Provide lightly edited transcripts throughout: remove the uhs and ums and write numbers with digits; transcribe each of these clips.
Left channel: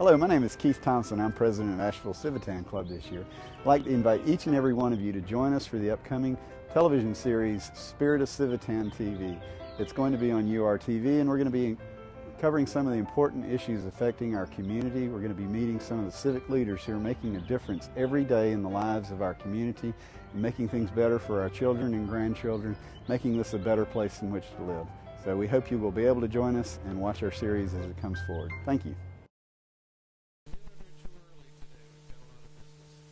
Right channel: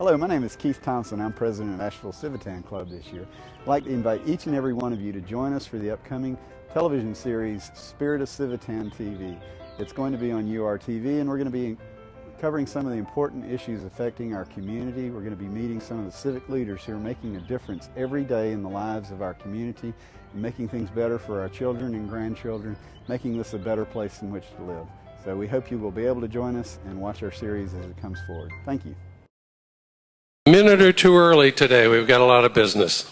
Hello, my name is Keith Thompson. I'm president of Asheville Civitan Club this year. I'd like to invite each and every one of you to join us for the upcoming television series, Spirit of Civitan TV. It's going to be on URTV, and we're going to be covering some of the important issues affecting our community. We're going to be meeting some of the civic leaders who are making a difference every day in the lives of our community, and making things better for our children and grandchildren, making this a better place in which to live. So we hope you will be able to join us and watch our series as it comes forward. Thank you. A minute or two early today. We've got a lot of business.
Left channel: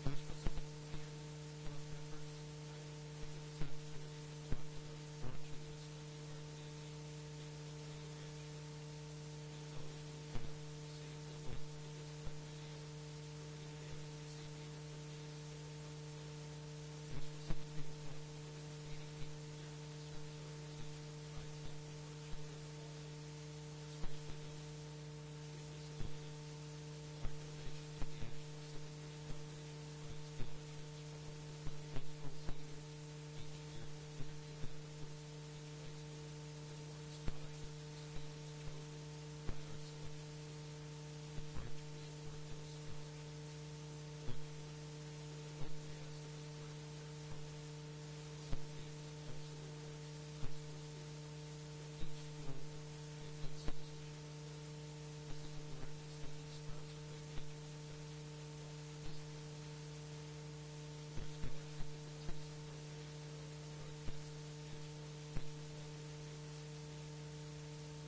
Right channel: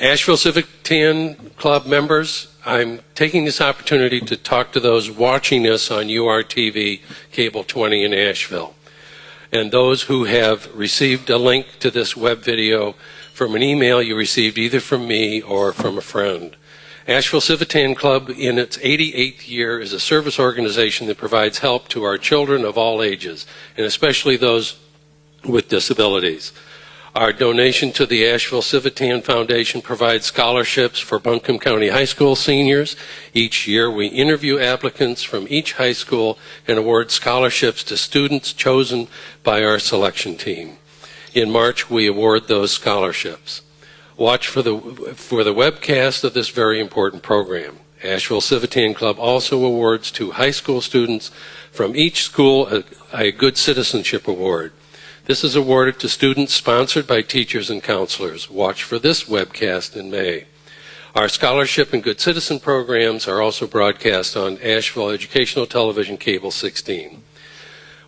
Asheville Civitan Club members, I'm taking this opportunity to talk to those watching us on URTV Cable 20 in Asheville, and those who have received a link to this web video from an email you received either from me or from a friend. Asheville Civitan Club, in its 88th year, is a service organization that provides help to our children of all ages, and especially those with disabilities. Our donation to the Asheville Civitan Foundation provides scholarships for Buncombe County High School seniors. Each year, we interview applicants from each high school and award scholarships to students chosen by our selection team. In March, we award those scholarships. Watch for the webcast of this very important program. Asheville Civitan Club also awards to high school students from each school a Good Citizenship Award. This is awarded to students sponsored by teachers and counselors. Watch for this webcast in May. Our scholarship and Good Citizen programs are also broadcast on Asheville Educational Television Cable 16.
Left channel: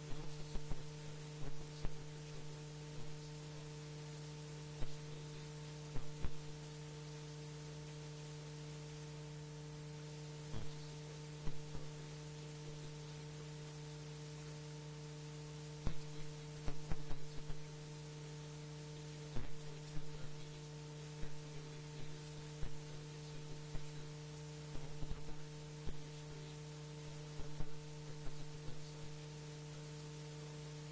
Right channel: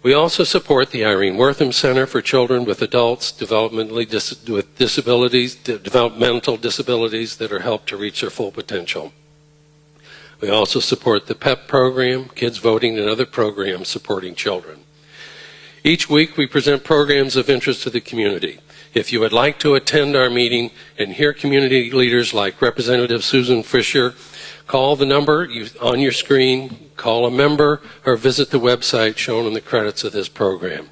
We also support the Irene Wortham Center for Children with Adults developmental disabilities that are helped to reach their full potential. We also support the PEP program, Kids Voting, and other programs supporting children. Each week we present programs of interest to the community. If you would like to attend our meeting and hear community leaders like Representative Susan Fisher, call the number on your screen, call a member, or visit the website shown in the credits of this program.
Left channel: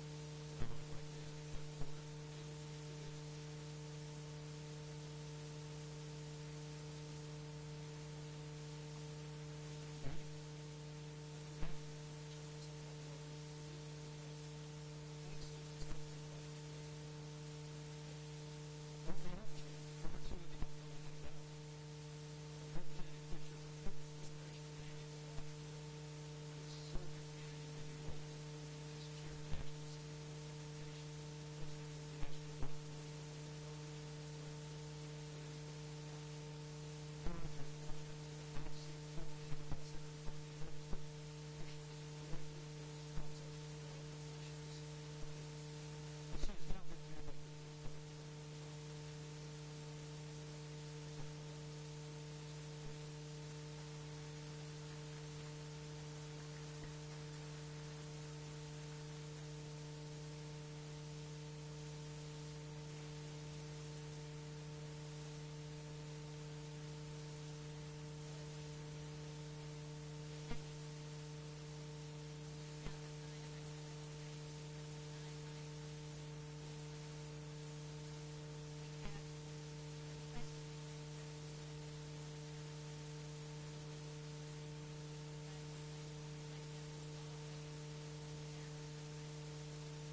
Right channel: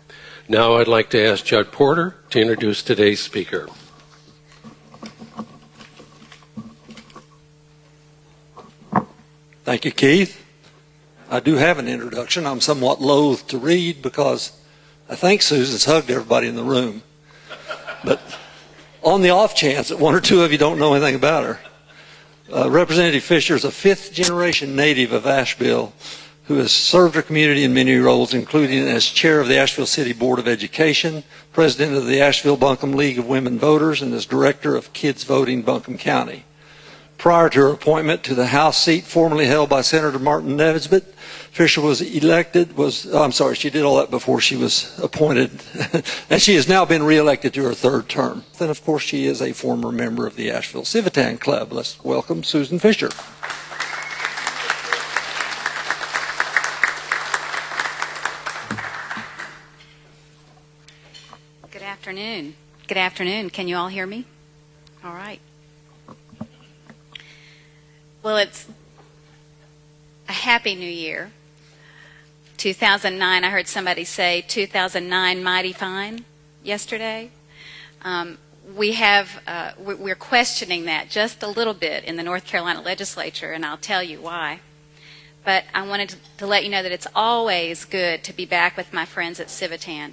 Now I'd like to ask Judd Porter to introduce today's speaker. Thank you, Keith. I do have an introduction. I'm somewhat loath to read because I think Susan's hugged everybody in the room. But on the off chance that one or two of you don't know anything about her, Representative Fisher is a fifth-generation native of Asheville who has served her community in many roles, including as chair of the Asheville City Board of Education, president of the Asheville-Buncombe League of Women Voters, and as director of Kids Voting Buncombe County. Prior to her appointment to the House seat formerly held by Senator Martin Nesbitt, Fisher was elected, she did all that before she was appointed, and she has now been reelected to her third term. Then, of course, she is a former member of the Asheville Civitan Club. Let's welcome Susan Fisher. Good afternoon. Good afternoon. Can you all hear me? All right. Well, it's a happy new year. 2009, I heard somebody say 2009 mighty fine yesterday. We're questioning that just a little bit in the North Carolina legislature, and I'll tell you why. But I wanted to let you know that it's always good to be back with my friends at Civitan.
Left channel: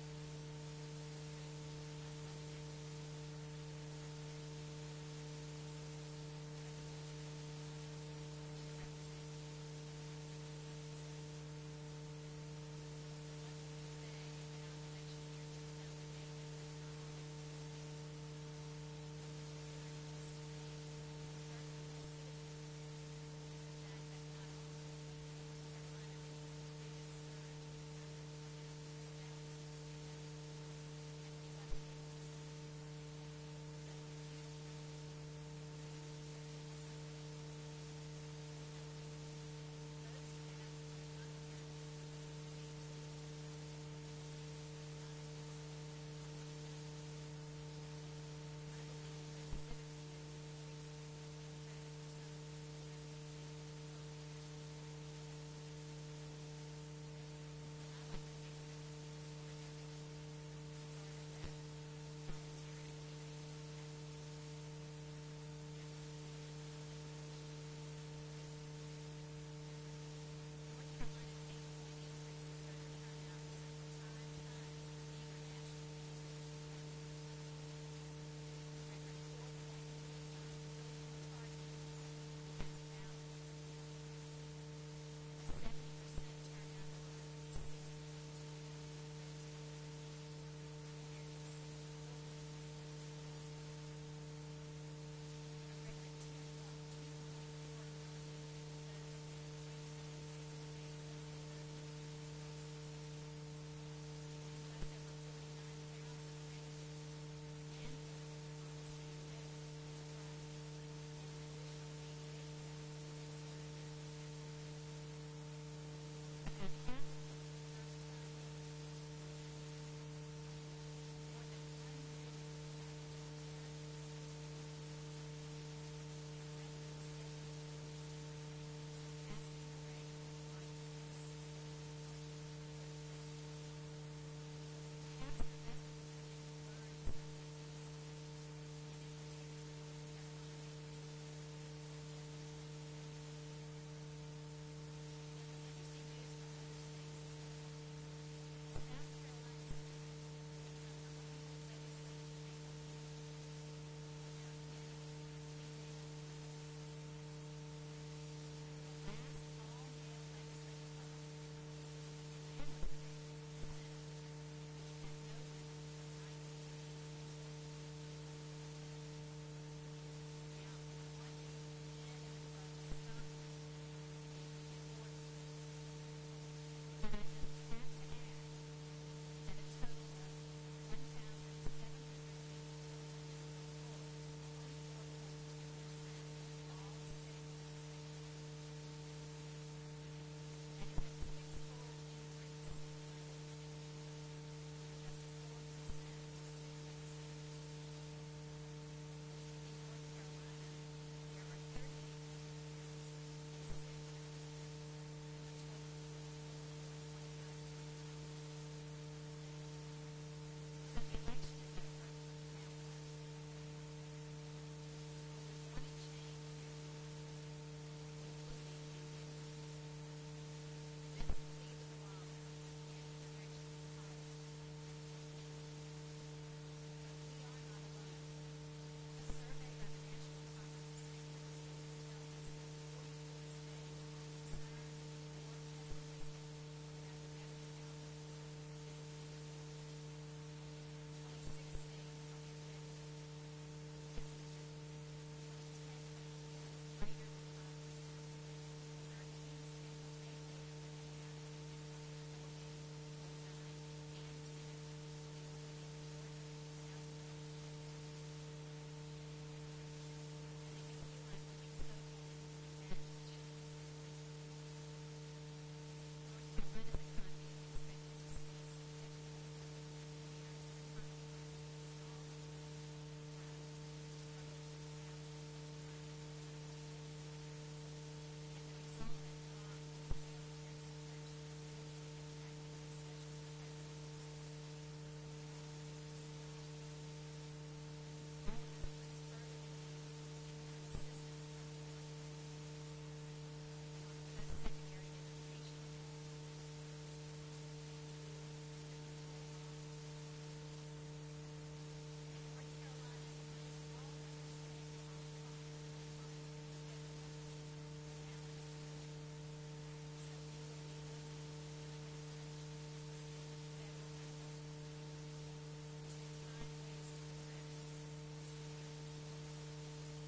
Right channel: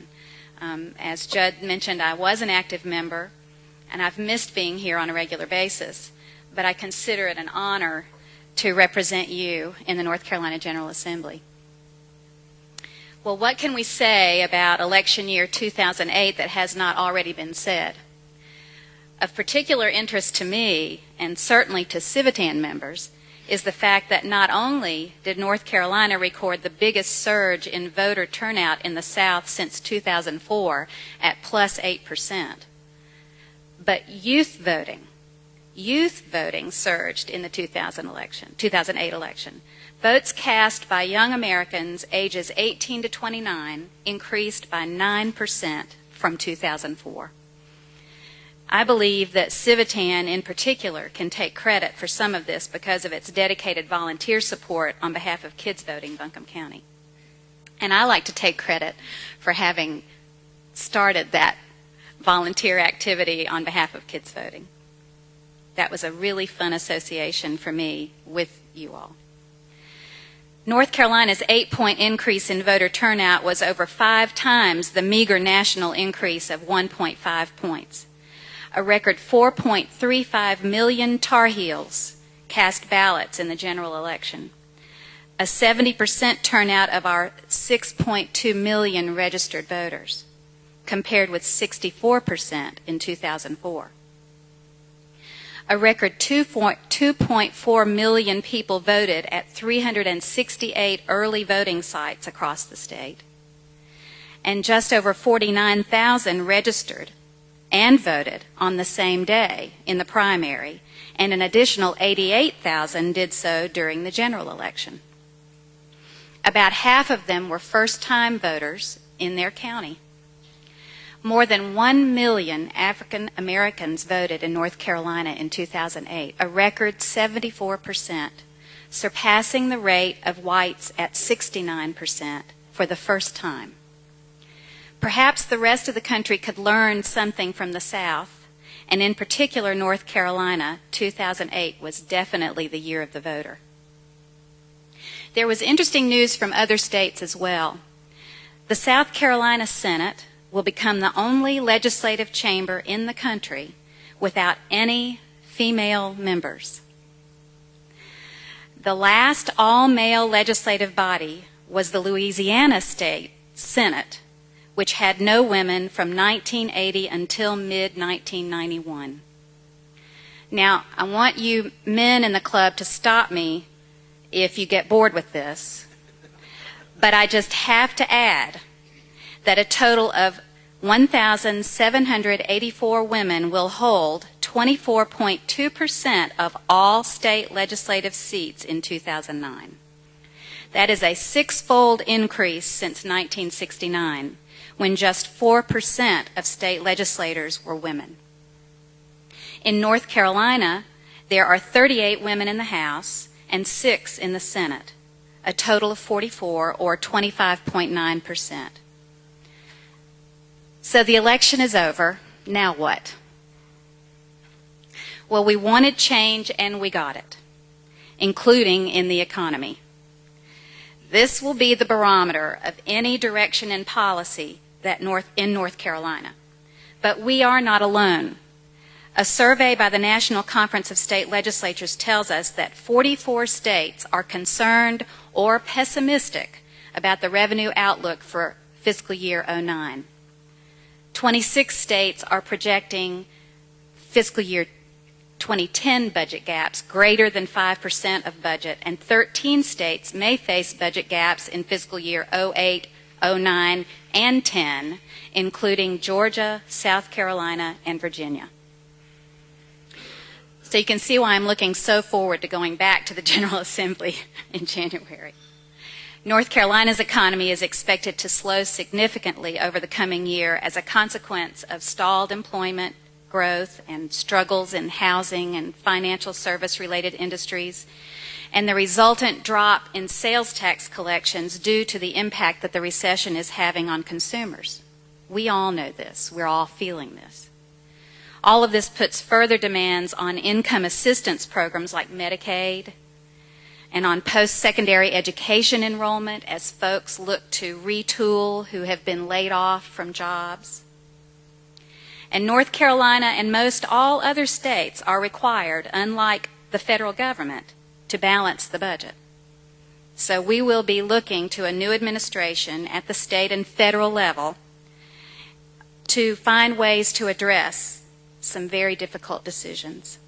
As Judd mentioned, I was an active member, and I've missed being here on a regular basis, but I consider it an honor to represent you in the North Carolina General Assembly. Well, what can we say about election year 2008 that has not already been said? Of particular interest to me, and certainly to Civitan members, is the fact that not only did North Carolina record the biggest surge in voter turnout in the South since 2004 at plus 8%, but youth voting surged in the 2008 election. Votes cast by young Americans ages 18 to 29 increased by 9% from 2004. I believe that Civitan in particular can take credit for some of this because of its dedicated volunteer support on behalf of Kids Voting Buncombe County. And I like to take credit for having started that volunteer activity on behalf of Kids Voting. That was a really fun association for me with you all. North Carolina's 8-point increase in voter turnout was over 5 times the meager national increase of 1.5 points. A record 4.35 million Tar Heels cast ballots in the general election. A 70% turnout of our 6.2 million registered voters, compared with 64% in 2004. A record 2.4 million people voted at 368 early voting sites across the state. And just over 49,000 registered and voted on the same day in the primary, and an additional 88,000 did so during the general election. About half of them were first-time voters in their county. More than 1 million African Americans voted in North Carolina in 2008, a record 74%, surpassing the rate of whites at 69% for the first time. Perhaps the rest of the country could learn something from the South, and in particular North Carolina. 2008 was definitely the year of the voter. There was interesting news from other states as well. The South Carolina Senate will become the only legislative chamber in the country without any female members. The last all-male legislative body was the Louisiana State Senate, which had no women from 1980 until mid-1991. Now, I want you men in the club to stop me if you get bored with this, but I just have to add that a total of 1,784 women will hold 24.2% of all state legislative seats in 2009. That is a 6-fold increase since 1969, when just 4% of state legislators were women. In North Carolina, there are 38 women in the House and 6 in the Senate, a total of 44, or 25.9%. So the election is over. Now what? Well, we wanted change and we got it, including in the economy. This will be the barometer of any direction in policy in North Carolina. But we are not alone. A survey by the National Conference of State Legislatures tells us that 44 states are concerned or pessimistic about the revenue outlook for fiscal year 09. 26 states are projecting fiscal year 2010 budget gaps greater than 5% of budget, and 13 states may face budget gaps in fiscal year 08, 09, and 10, including Georgia, South Carolina, and Virginia. So you can see why I'm looking so forward to going back to the General Assembly in January. North Carolina's economy is expected to slow significantly over the coming year as a consequence of stalled employment growth and struggles in housing and financial service-related industries, and the resultant drop in sales tax collections due to the impact that the recession is having on consumers. We all know this. We're all feeling this. All of this puts further demands on income assistance programs like Medicaid and on post-secondary education enrollment as folks look to retool who have been laid off from jobs. And North Carolina and most all other states are required, unlike the federal government, to balance the budget. So we will be looking to a new administration at the state and federal level to find ways to address some very difficult decisions.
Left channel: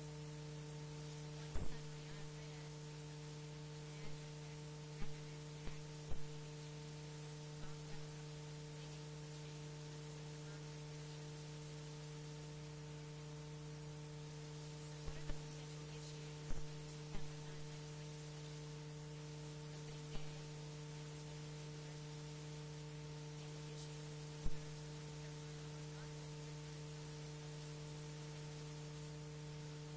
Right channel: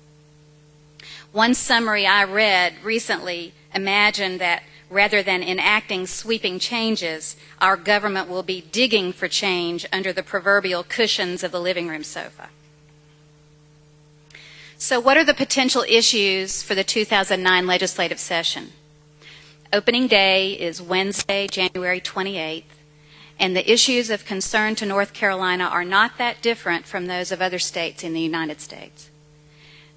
One summary I read recently imagined that rather than enacting sweeping changes, our government will be digging for change under the proverbial cushions of the living room sofa. So what are the potential issues for the 2009 legislative session? Opening day is Wednesday, January 28th, and the issues of concern to North Carolina are not that different from those of other states in the United States.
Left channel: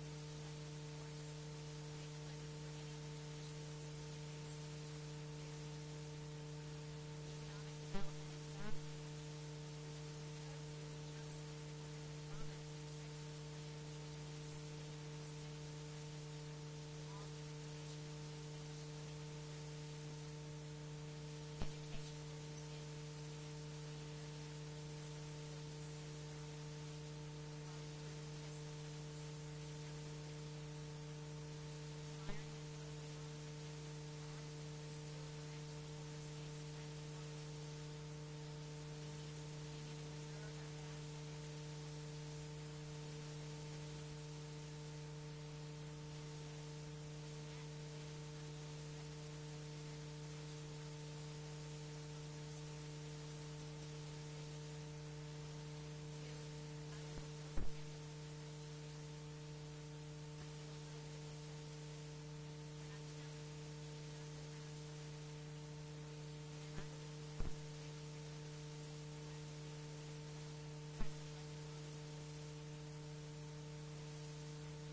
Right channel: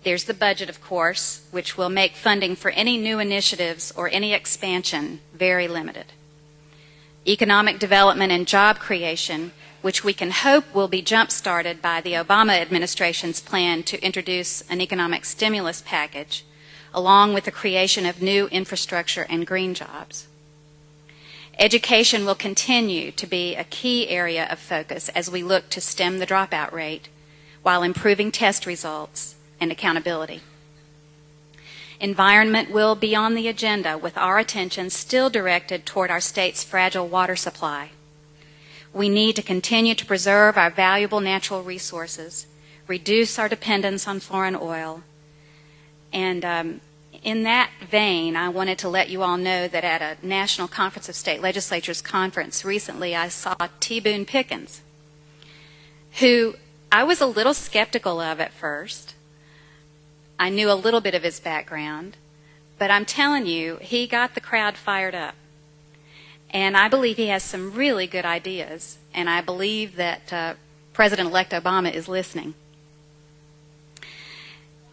There's the budget, of course, which will make funding for any new initiatives or any expansion very limited. Economic development and job creation, which we can hope will be jump-started by the Obama administration's plan to introduce an economic stimulus package, along with the creation of new infrastructure and green jobs. Education will continue to be a key area of focus as we look to stem the dropout rate while improving test results and accountability. Environment will be on the agenda with our attention still directed toward our state's fragile water supply. We need to continue to preserve our valuable natural resources, reduce our dependence on foreign oil, and in that vein, I wanted to let you all know that at a National Conference of State Legislatures conference recently, I saw T. Boone Pickens, who I was a little skeptical of at first. I knew a little bit of his background, but I'm telling you, he got the crowd fired up. And I believe he has some really good ideas, and I believe that President-elect Obama is listening.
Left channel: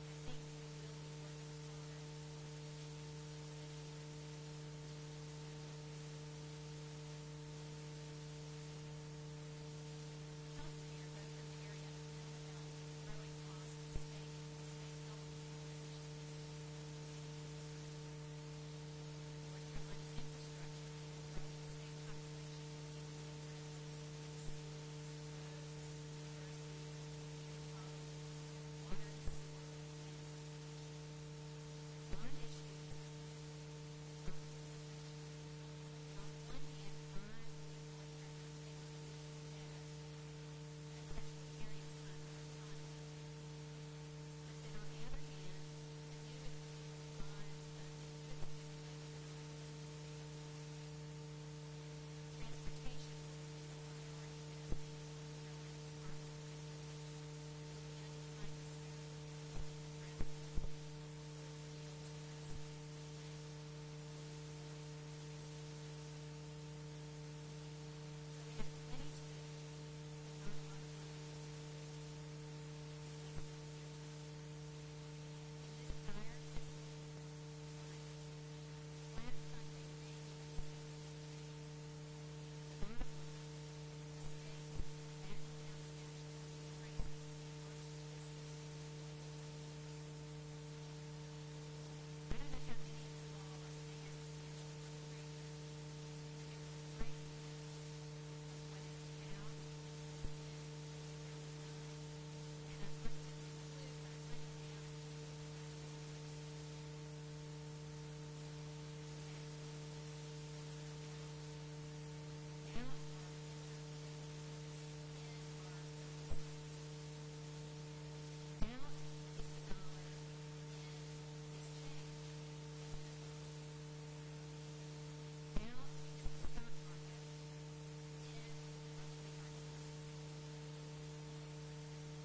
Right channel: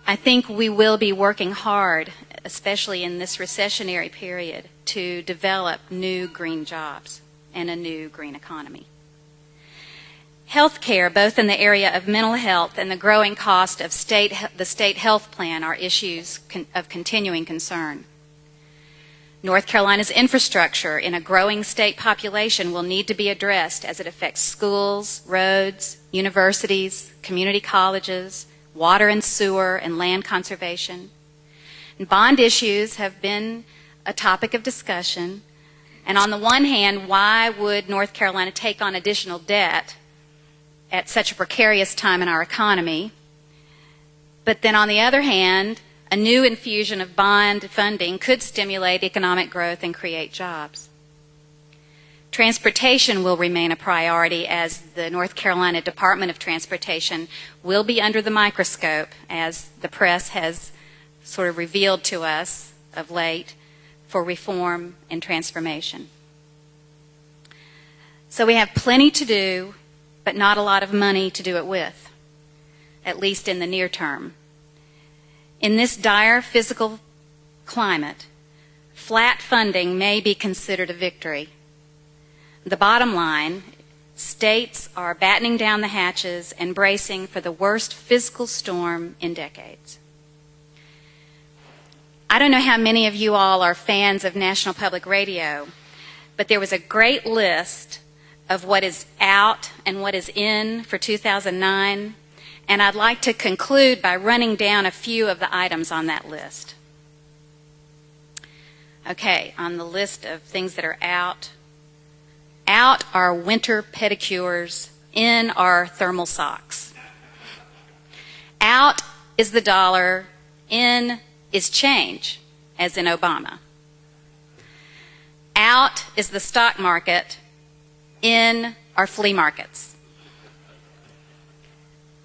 I think we will be working hard, especially in this recessionary period, to develop new green jobs and a new green economy. Health care, both in the area of mental health and the growing cost of the state health plan, are issues of continuing concern. North Carolina's infrastructure in a growing state population will need to be addressed as it affects schools, roads, universities, community colleges, water and sewer, and land conservation. And bond issues have been a topic of discussion. And on the one hand, why would North Carolina take on additional debt at such a precarious time in our economy? But then on the other hand, a new infusion of bond funding could stimulate economic growth and create jobs. Transportation will remain a priority as the North Carolina Department of Transportation will be under the microscope, as the press has sort of revealed to us of late, for reform and transformation. So we have plenty to do, but not a lot of money to do it with, at least in the near term. In this dire physical climate, flat funding may be considered a victory. The bottom line, states are battening down the hatches and bracing for the worst fiscal storm in decades. I don't know how many of you all are fans of National Public Radio, but there was a great list of what is out and what is in for 2009, and I'd like to conclude by running down a few of the items on that list. Okay, on the list of things that are out are winter pedicures, in are thermal socks. Out is the dollar, in is change, as in Obama. Out is the stock market, in are flea markets.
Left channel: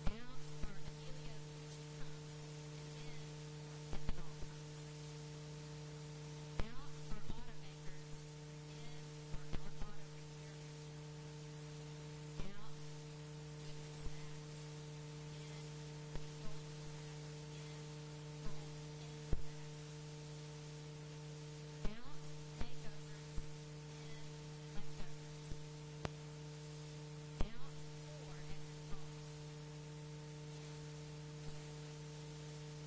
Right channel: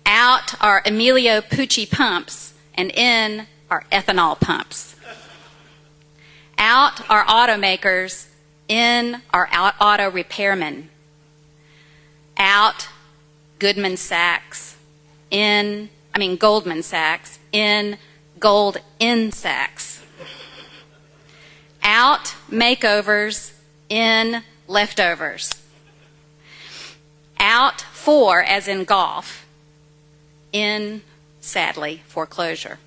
Out are Emilio Pucci pumps, and in are ethanol pumps. Out are automakers, in are auto repairmen. Out, Goldman Sachs, in gold in sacks. Out, makeovers, in leftovers. Out, for, as in golf, in, sadly, foreclosure.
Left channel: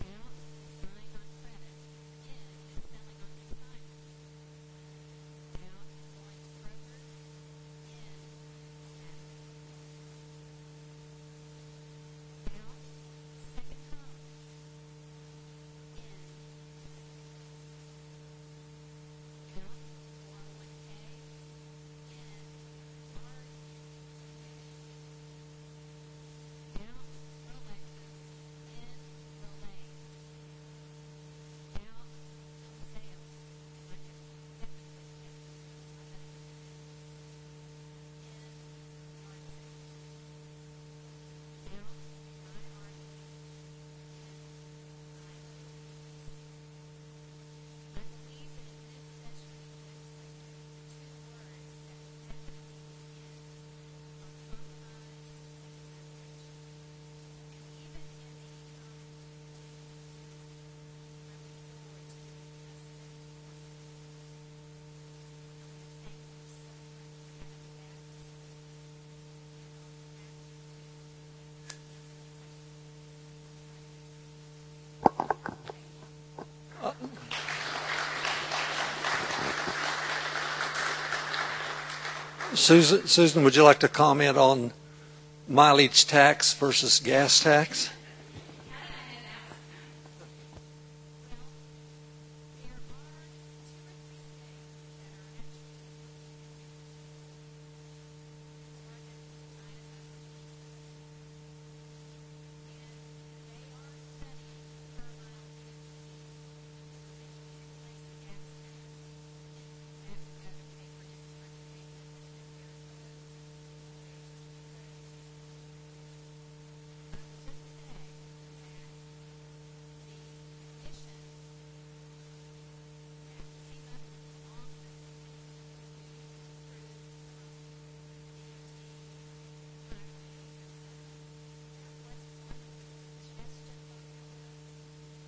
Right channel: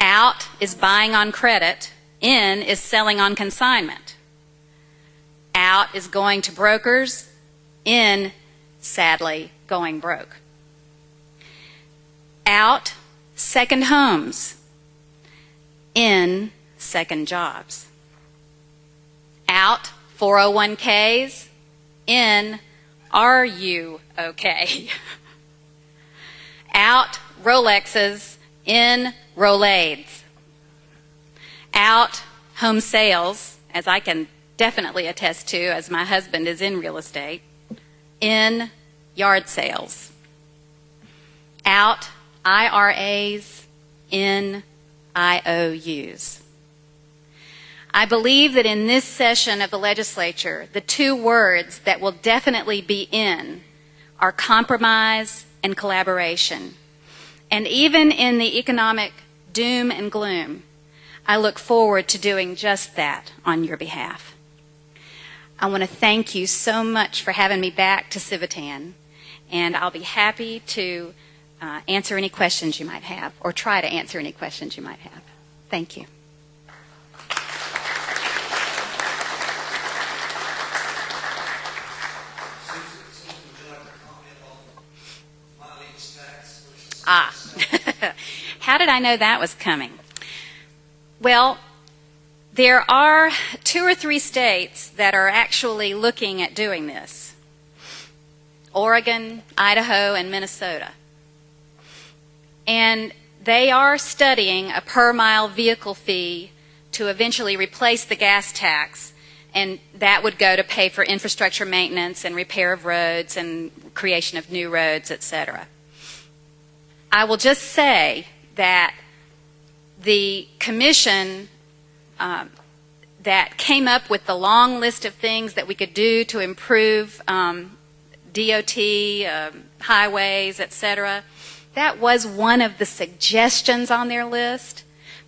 Out is buying on credit, in is selling on consignment. Out is going to brokers, in, sadly, going broke. Out, second homes, in, second jobs. Out, 401ks, in, are you okay? Out, Rolexes, in, Rolades. Out, home sales, as I can definitely attest to, as my husband is in real estate, in, yard sales. Out, IRAs, in, IOUs. I believe that in this session of the legislature, the two words that will definitely be in are compromise and collaboration. And even in the economic doom and gloom, I look forward to doing just that on your behalf. I want to thank you so much for having me back to Civitan, and I'll be happy to answer any questions you might have, or try to answer any questions you might have. Thank you. Susan, would you like to comment on mileage tax versus gas tax? How did I know that was coming? Well, there are 2 or 3 states that are actually looking at doing this: Oregon, Idaho, and Minnesota. And they are studying a per-mile vehicle fee to eventually replace the gas tax, and that would go to pay for infrastructure maintenance and repair of roads and creation of new roads, etc. I will just say that the commission that came up with the long list of things that we could do to improve DOT, highways, etc., that was one of the suggestions on their list,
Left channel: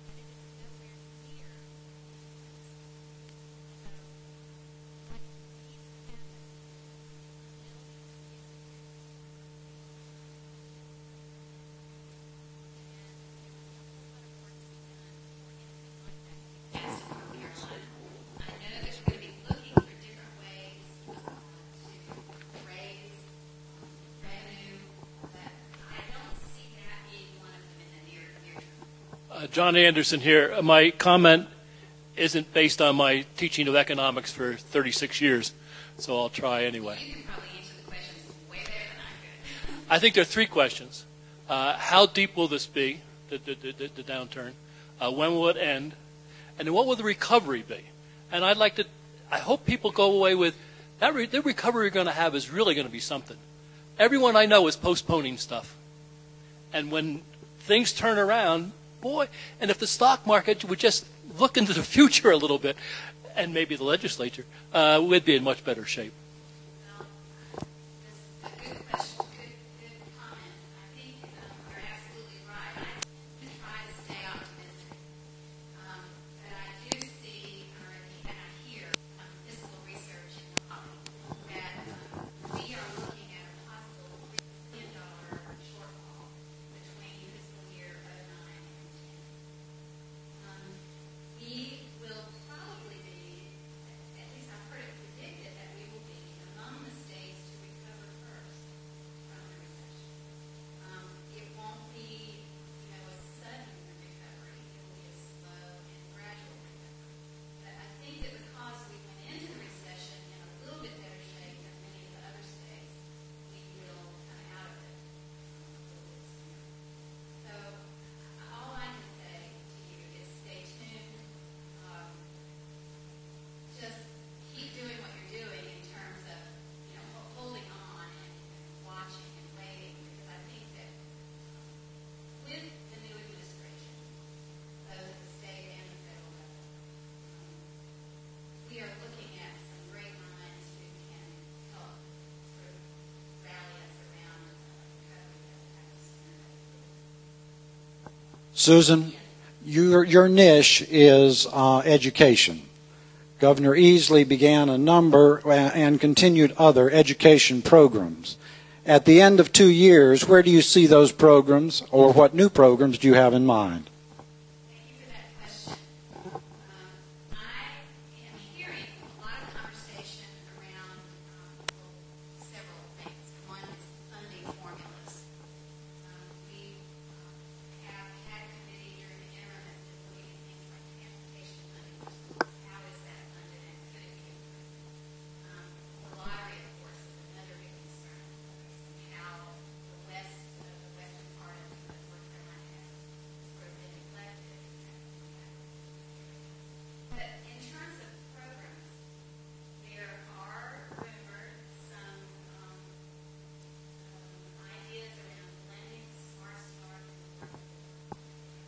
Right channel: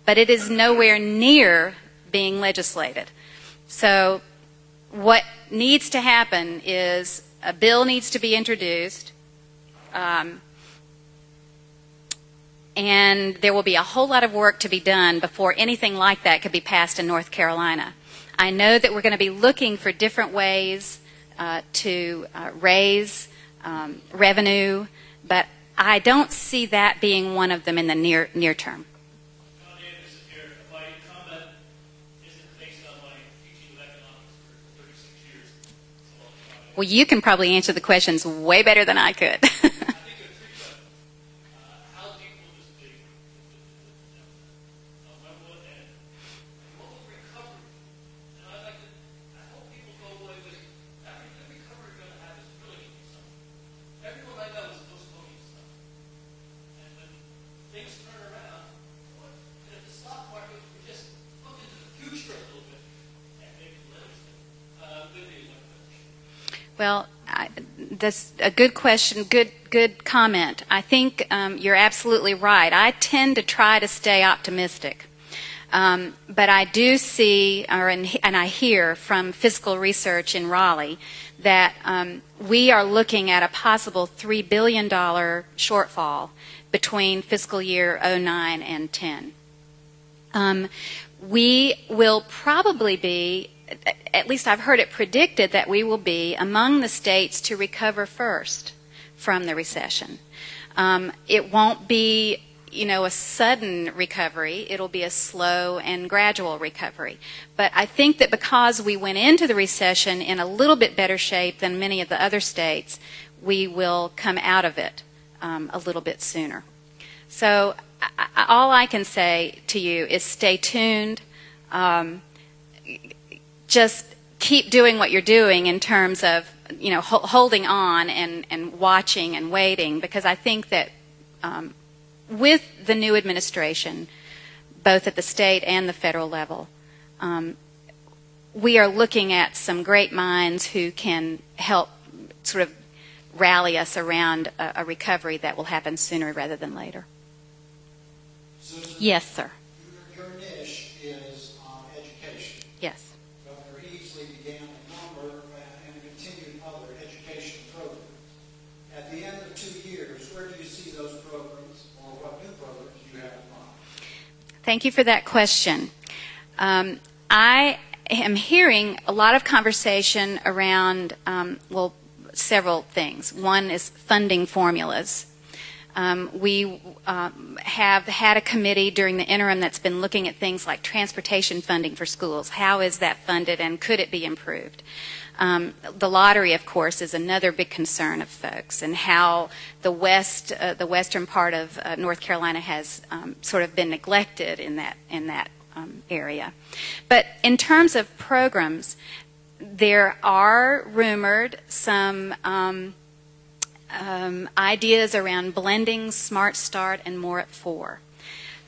but it is nowhere near being legislated. So what needs to happen is a bill needs to be introduced, and there will be a whole lot of work to be done before anything like that could be passed in North Carolina. I know that we're going to be looking for different ways to raise revenue, but I don't see that being one of them in the near term. John Anderson here. My comment isn't based on my teaching of economics for 36 years, so I'll try anyway. Well, you can probably answer the questions way better than I could. I think there are 3 questions. How deep will this be, the downturn? When will it end? And then what will the recovery be? And I hope people go away with, the recovery we're going to have is really going to be something. Everyone I know is postponing stuff. And when things turn around, boy, and if the stock market would just look into the future a little bit, and maybe the legislature, we'd be in much better shape. Well, that's a good question, good comment. I think you're absolutely right. I tend to try to stay optimistic. But I do see, and I hear from fiscal research in Raleigh, that we are looking at a possible $3 billion shortfall between fiscal year 09 and 10. We will probably be, at least I've heard it predicted, that we will be among the states to recover first from the recession. It won't be, a sudden recovery. It'll be a slow and gradual recovery. But I think that because we went into the recession in a little bit better shape than many of the other states, we will come out of it a little bit sooner. So all I can say to you is stay tuned. Just keep doing what you're doing in terms of, holding on and watching and waiting, because I think that with the new administration, both at the state and the federal level, we are looking at some great minds who can help sort of rally us around a recovery that will happen sooner rather than later. Susan? Yes, sir. Your niche is education. Yes. Governor Easley began a number and continued other education programs. At the end of 2 years, where do you see those programs, or what new programs do you have in mind? Thank you for that question. I am hearing a lot of conversation around, several things. One is funding formulas. We have had a committee during the interim that's been looking at things like transportation funding for schools. How is that funded, and could it be improved? The lottery, of course, is another big concern of folks, and how the western part of North Carolina has sort of been neglected in that area. But in terms of programs, there are rumored some ideas around blending Smart Start and More at 4.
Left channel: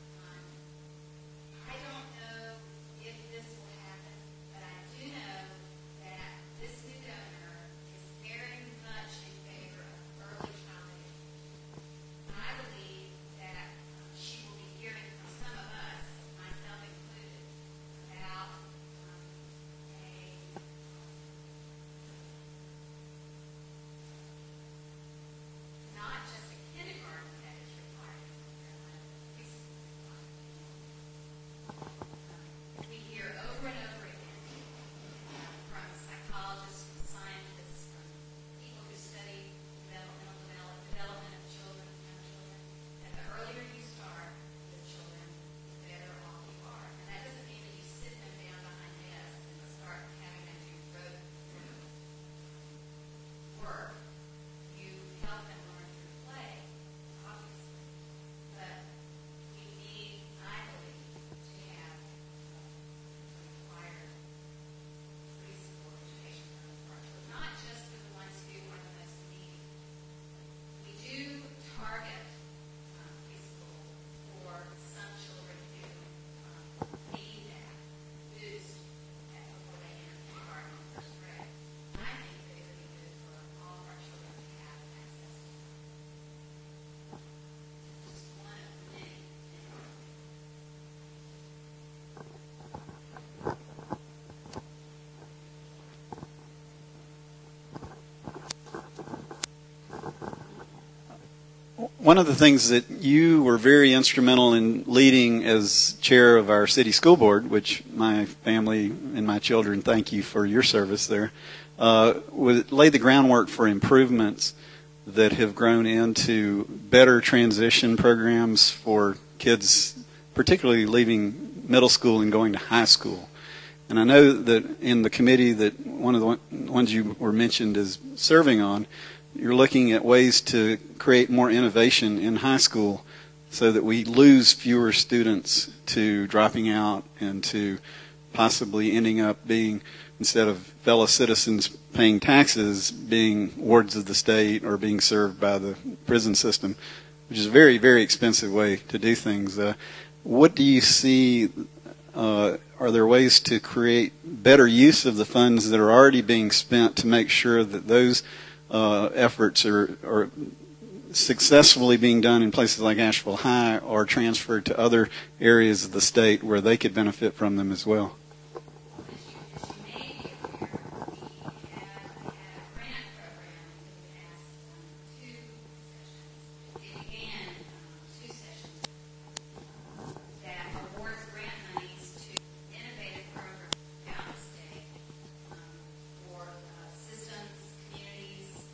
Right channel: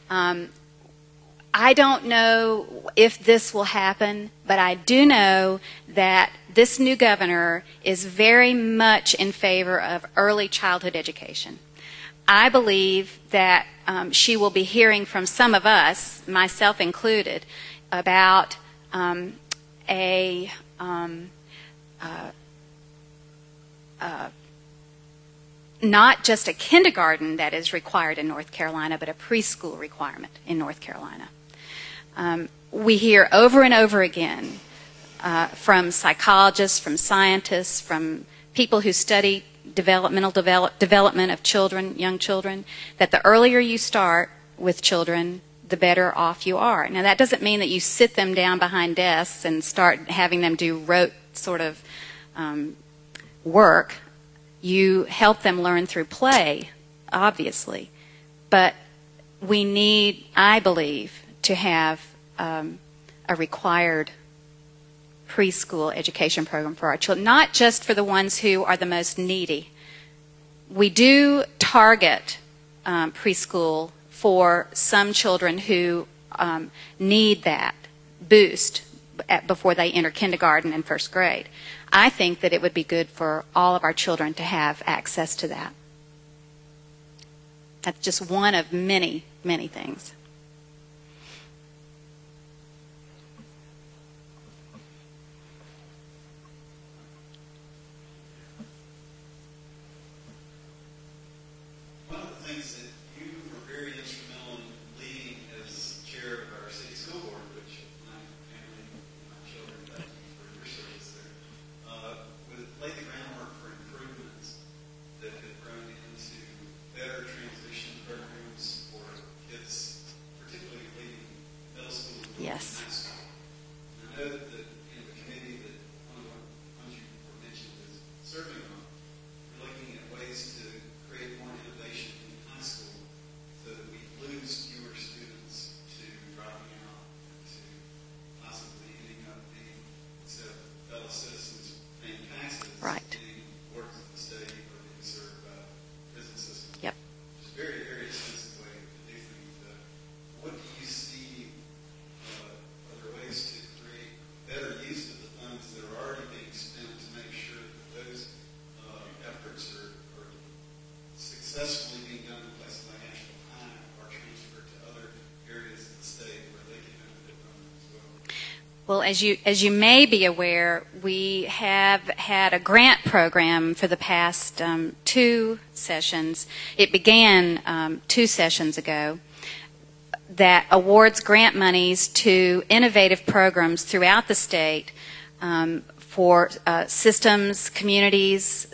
I don't know if this will happen, but I do know that this new governor is very much in favor of early childhood education. I believe that she will be hearing from some of us, myself included, about not just a kindergarten that is required in North Carolina, but a preschool requirement in North Carolina. We hear over and over again from psychologists, from scientists, from people who study development of children, young children, that the earlier you start with children, the better off you are. Now, that doesn't mean that you sit them down behind desks and start having them do rote sort of work. You help them learn through play, obviously. But we need, I believe, to have a required preschool education program for our children, not just for the ones who are the most needy. We do target preschool for some children who need that boost before they enter kindergarten and first grade. I think that it would be good for all of our children to have access to that. That's just one of many, many things. One of the things that you were very instrumental in leading as chair of our city school board, which my family and my children thank you for your service there, laid the groundwork for improvements that have grown into better transition programs for kids, particularly leaving middle school and going to high school. And I know that in the committee that one of the ones you were mentioned as serving on, you're looking at ways to create more innovation in high school so that we lose fewer students to dropping out and to possibly ending up being, instead of fellow citizens paying taxes, right, being wards of the state or being served by the prison system, yep, which is a very, very expensive way to do things. What do you see, are there ways to create better use of the funds that are already being spent to make sure that those efforts are successfully being done in places like Asheville High or transferred to other areas of the state where they could benefit from them as well? Well, as you may be aware, we have had a grant program for the past 2 sessions. It began 2 sessions ago that awards grant monies to innovative programs throughout the state for systems, communities,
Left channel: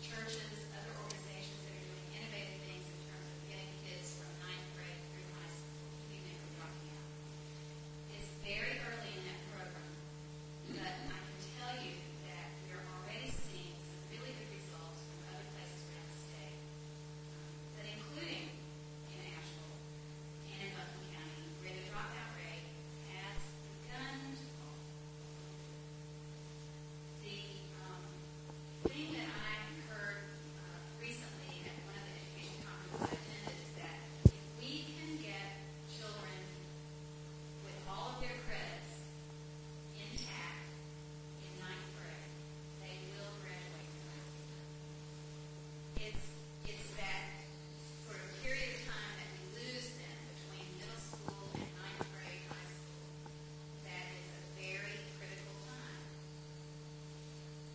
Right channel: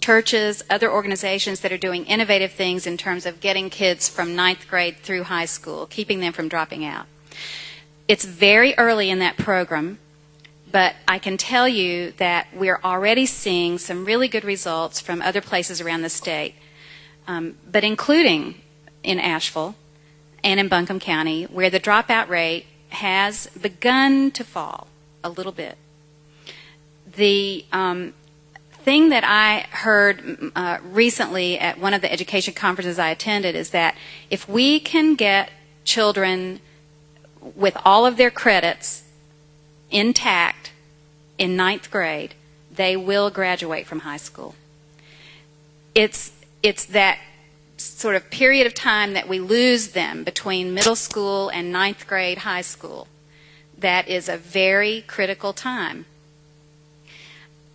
churches, other organizations that are doing innovative things in terms of getting kids from 9th grade through high school, keeping them from dropping out. It's very early in that program, but I can tell you that we're already seeing some really good results from other places around the state, but including in Asheville and in Buncombe County, where the dropout rate has begun to fall a little bit. The thing that I heard recently at one of the education conferences I attended is that if we can get children with all of their credits intact in 9th grade, they will graduate from high school. It's that sort of period of time that we lose them between middle school and 9th grade high school. That is a very critical time.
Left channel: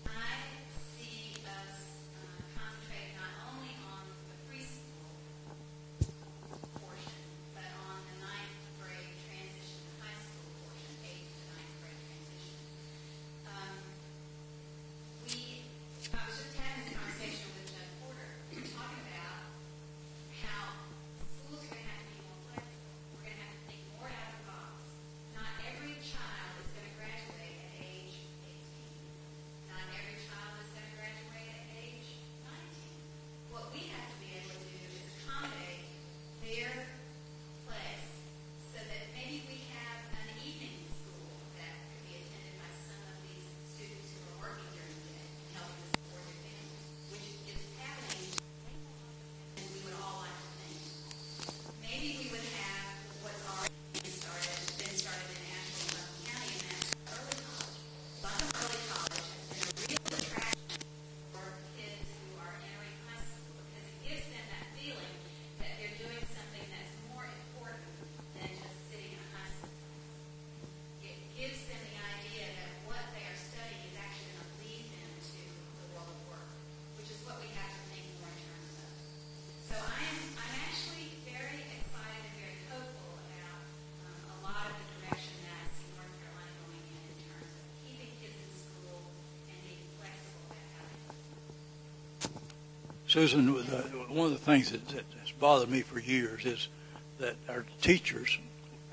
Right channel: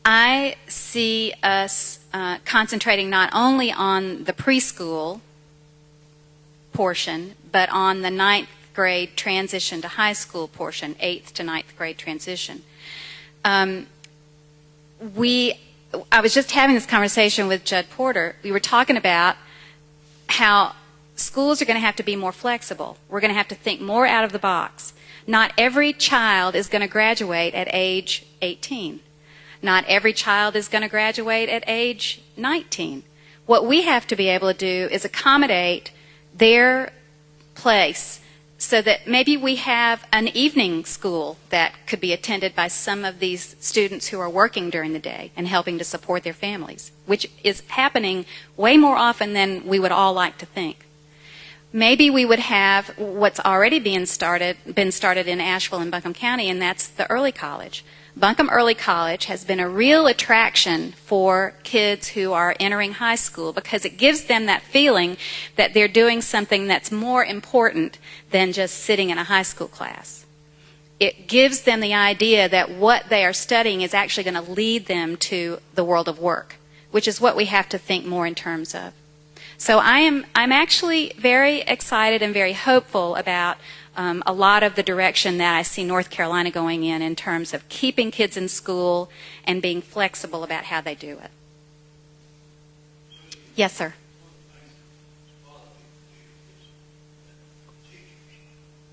I see us concentrating not only on the preschool portion, but on the 9th grade transition to high school portion, 8th to 9th grade transition. I was just having this conversation with Judd Porter. We were talking about how schools are going to have to be more flexible. We're going to have to think more out of the box. Not every child is going to graduate at age 18. Not every child is going to graduate at age 19. What we have to be able to do is accommodate their place so that maybe we have an evening school that could be attended by some of these students who are working during the day and helping to support their families, which is happening way more often than we would all like to think. Maybe we would have what's already been started in Asheville and Buncombe County, and that's the early college. Buncombe Early College has been a real attraction for kids who are entering high school because it gives them that feeling that they're doing something that's more important than just sitting in a high school class. It gives them the idea that what they are studying is actually going to lead them to the world of work, which is what we have to think more in terms of. So I'm actually very excited and very hopeful about a lot of the direction that I see North Carolina going in terms of keeping kids in school and being flexible about how they do it. Susan, Yes, sir. One of the things that's bothered me for years is that our teachers,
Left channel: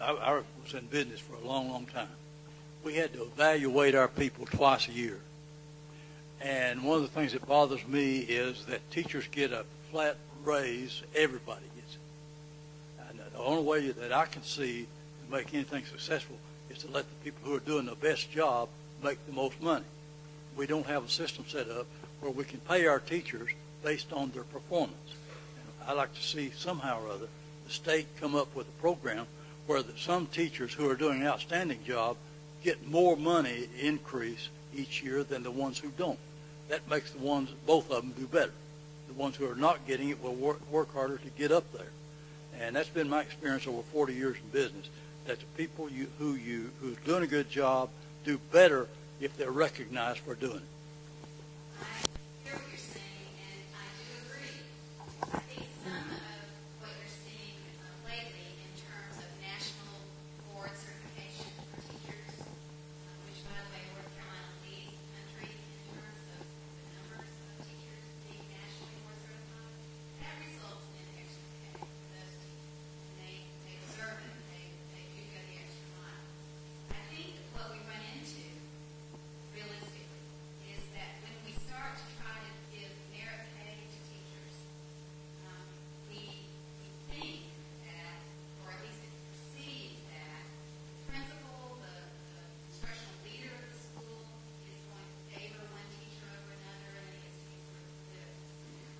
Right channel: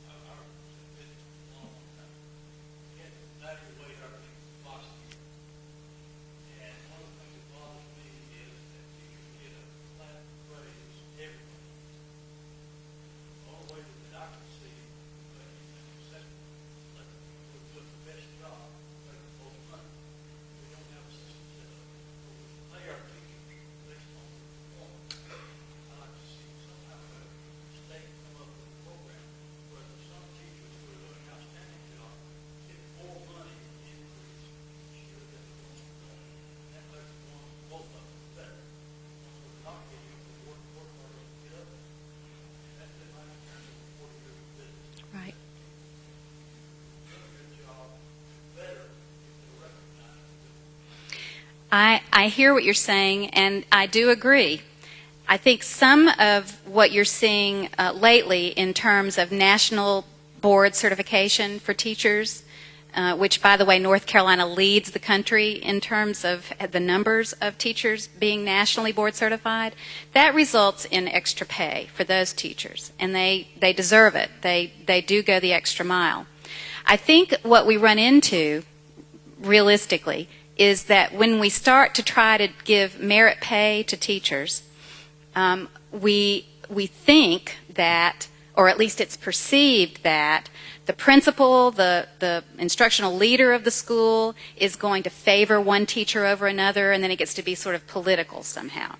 I was in business for a long, long time, we had to evaluate our people twice a year. And one of the things that bothers me is that teachers get a flat raise, everybody gets it. And the only way that I can see to make anything successful is to let the people who are doing the best job make the most money. We don't have a system set up where we can pay our teachers based on their performance. I'd like to see somehow or other the state come up with a program where some teachers who are doing an outstanding job get more money increase each year than the ones who don't. That makes the ones, both of them, do better. The ones who are not getting it will work harder to get up there. And that's been my experience over 40 years in business, right, that the people who's doing a good job do better if they're recognized for doing it. I hear what you're saying, and I do agree. I think some of what you're seeing lately in terms of national board certification for teachers, which, by the way, North Carolina leads the country in terms of the numbers of teachers being nationally board certified, that results in extra pay for those teachers, and they deserve it. They do go the extra mile. I think what we run into, realistically, is that when we start to try to give merit pay to teachers, we think that, or at least it's perceived that, the principal, the instructional leader of the school is going to favor one teacher over another, and then it gets to be sort of political somehow.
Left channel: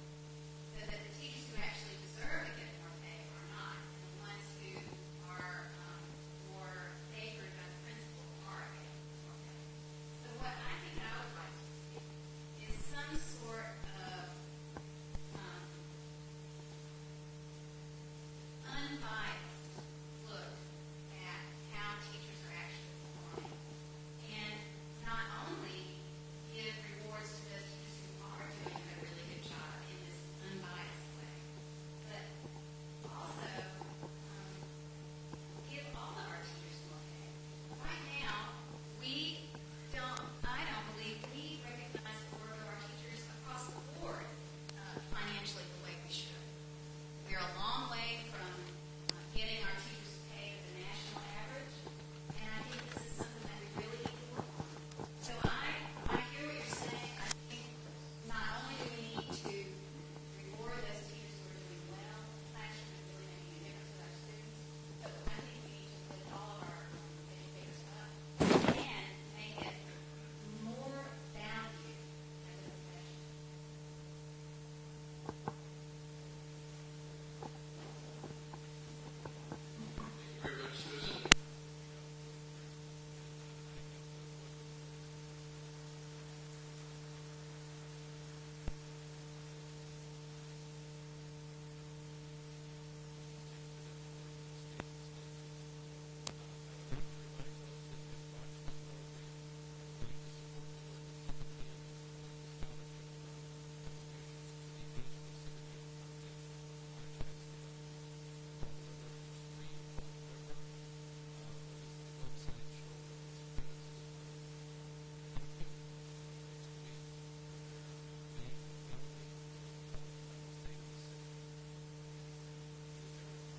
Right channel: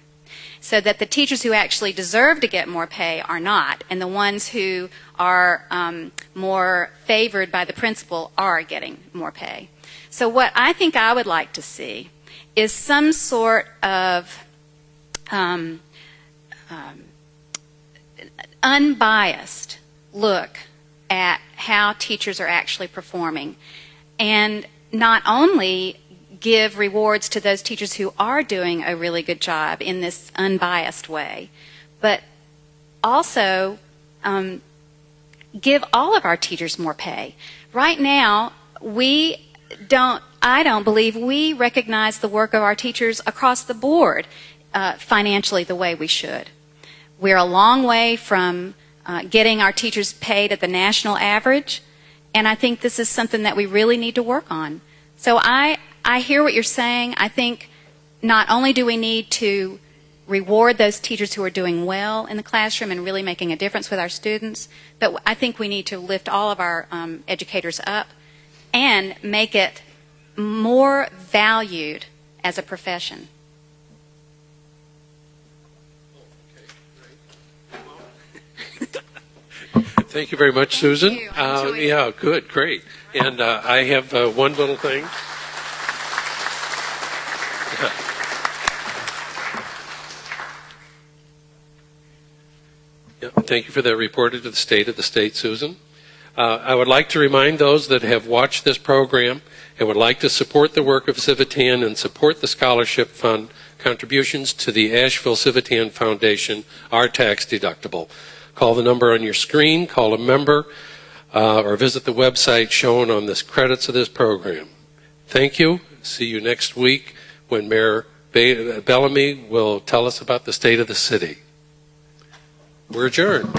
So that the teachers who actually deserve to get more pay are not, and the ones who are more favored by the principal are getting more pay. So what I think I would like to see is some sort of unbiased look at how teachers are actually performing, and not only give rewards to those teachers who are doing a really good job in this unbiased way, but also give all of our teachers more pay. Right now, I don't believe we recognize the work of our teachers across the board financially the way we should. We're a long way from getting our teachers paid at the national average, and I think this is something that we really need to work on. So I hear what you're saying. I think not only do we need to reward those teachers who are doing well in the classroom and really making a difference with our students, but I think we need to lift all of our educators up and make it more valued as a profession. Thank you very much, Susan. Thank you. Yeah, good, great. And I have one little thing. Yeah, thank you for that report of the state of the state, Susan. I would like to remind those that have watched this program and would like to support the work of Civitan and support the scholarship fund contributions to the Asheville Civitan Foundation are tax deductible. Call the number on your screen, call a member, or visit the website shown on the credits of this program. Thank you. See you next week when Mayor Bellamy will tell us about the state of the city. We're adjourned.